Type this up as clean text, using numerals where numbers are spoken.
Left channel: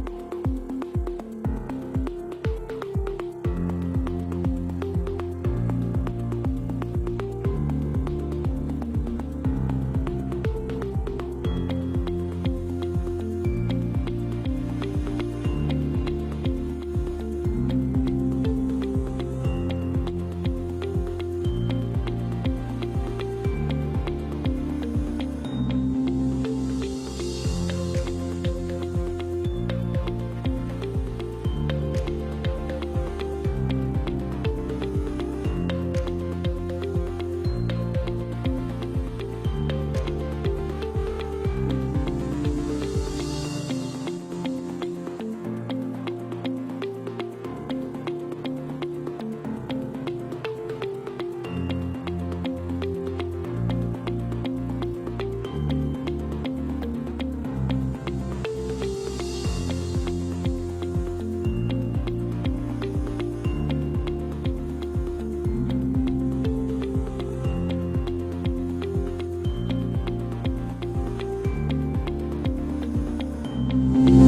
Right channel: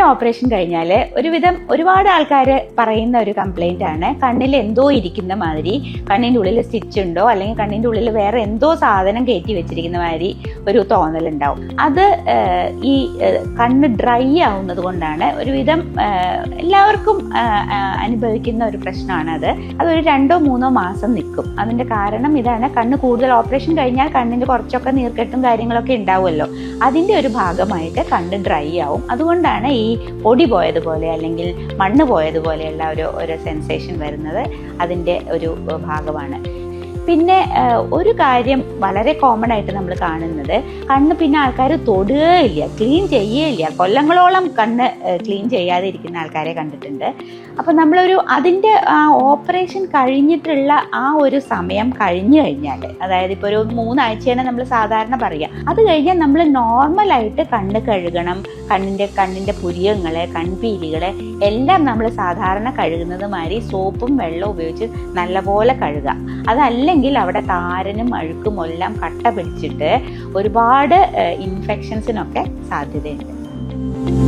കണ്ണിൻ്റെ ഓപ്പറേഷൻ കഴിഞ്ഞാൽ ഒരുപാട് ആൾക്കാർ പറയുന്ന ഒരു കംപ്ലൈൻ്റ് ആണ്, കണ്ണിൽ എന്തോ ഇരിക്കുന്ന മാതിരി, കണ്ണിൻ്റെ ഉള്ളിൽ സ്റ്റിച്ച് ഉണ്ടോ അല്ലെങ്കിൽ കണ്ണിൻ്റെ ഉള്ളിൽ വേറെ എന്തോ സാധനം കയറ്റി വെച്ചിരിക്കുന്ന മാതിരി ഒരു തോന്നലുണ്ടാവും. അത് ഈ കണ്ണ് ഡ്രൈ ആവുന്നത് കൊണ്ടാണ്. ഒരുവിധം എല്ലാവർക്കും അനുഭവിക്കുന്ന ഒരു പ്രശ്നമാണ് അതൊരു 2-3 മാസം നിൽക്കും. അതിൻ്റെ കാരണം ഇതാണ്, കണ്ണ് കൂടുതൽ ഓപ്പറേഷൻ കഴിഞ്ഞാൽ കണ്ണിൻ്റെ കുറച്ചൊക്കെ നീർക്കെട്ടും കാര്യങ്ങളൊക്കെ ഉണ്ടാവുമല്ലോ, അതിൻ്റെ ഒരു ഭാഗമായിട്ട് കണ്ണ് ഡ്രൈ ആവും. അതുകൊണ്ടാണ് ഈ പൊടി പോയതുപോലെ അല്ലെങ്കിൽ മണ്ണ് പോയതുപോലെയുള്ള ഒരു സെൻസേഷൻ വരുന്നത്. അതിൻ്റെ ഒരു ഭാഗമാണ്. പിന്നെ ഒരു കാര്യം വളരെ കോമൺ ആയിട്ട് നമ്മൾ കാണുന്നത്, കണ്ണ് പിന്നെ ആൾക്കാർ തൊടുകയില്ല, ക്ലീൻ ചെയ്യുകയില്ല. കൊല്ലങ്ങളോളം കണ്ണ് ക്ലീൻ ചെയ്യാതെ ഇരിക്കുന്ന ആൾക്കാരെ കണ്ടിട്ടുണ്ട്. അപ്പോൾ അതിൻ്റെ ഓപ്പറേഷൻ കഴിഞ്ഞിട്ടുള്ള ആ ഒരു സമയം കഴിഞ്ഞു കഴിഞ്ഞാൽ, അതായത് ഇപ്പോൾ ഒരു 3 ആഴ്ചയാണ് നമ്മൾ സാധാരണ പറയുക, അത് കഴിഞ്ഞാൽ നമ്മൾ നോർമലായിട്ട് കണ്ണ് കഴുകണം. കണ്ണിൻ്റെ പുരികങ്ങളെ, കൺപീലികളെ എല്ലാം നമ്മൾ സാധാരണ കഴുകുന്നത് മാതിരി സോപ്പും വെള്ളവും ഉപയോഗിച്ച് നല്ലപോലെ കഴുകുക. അതല്ലെങ്കിൽ അവിടെ താരനും അഴുക്കും എല്ലാം കട്ട പിടിച്ചിട്ട് ഒരുപാട് ഇൻഫെക്ഷൻസിനൊക്കെ സാധ്യതയുണ്ട്.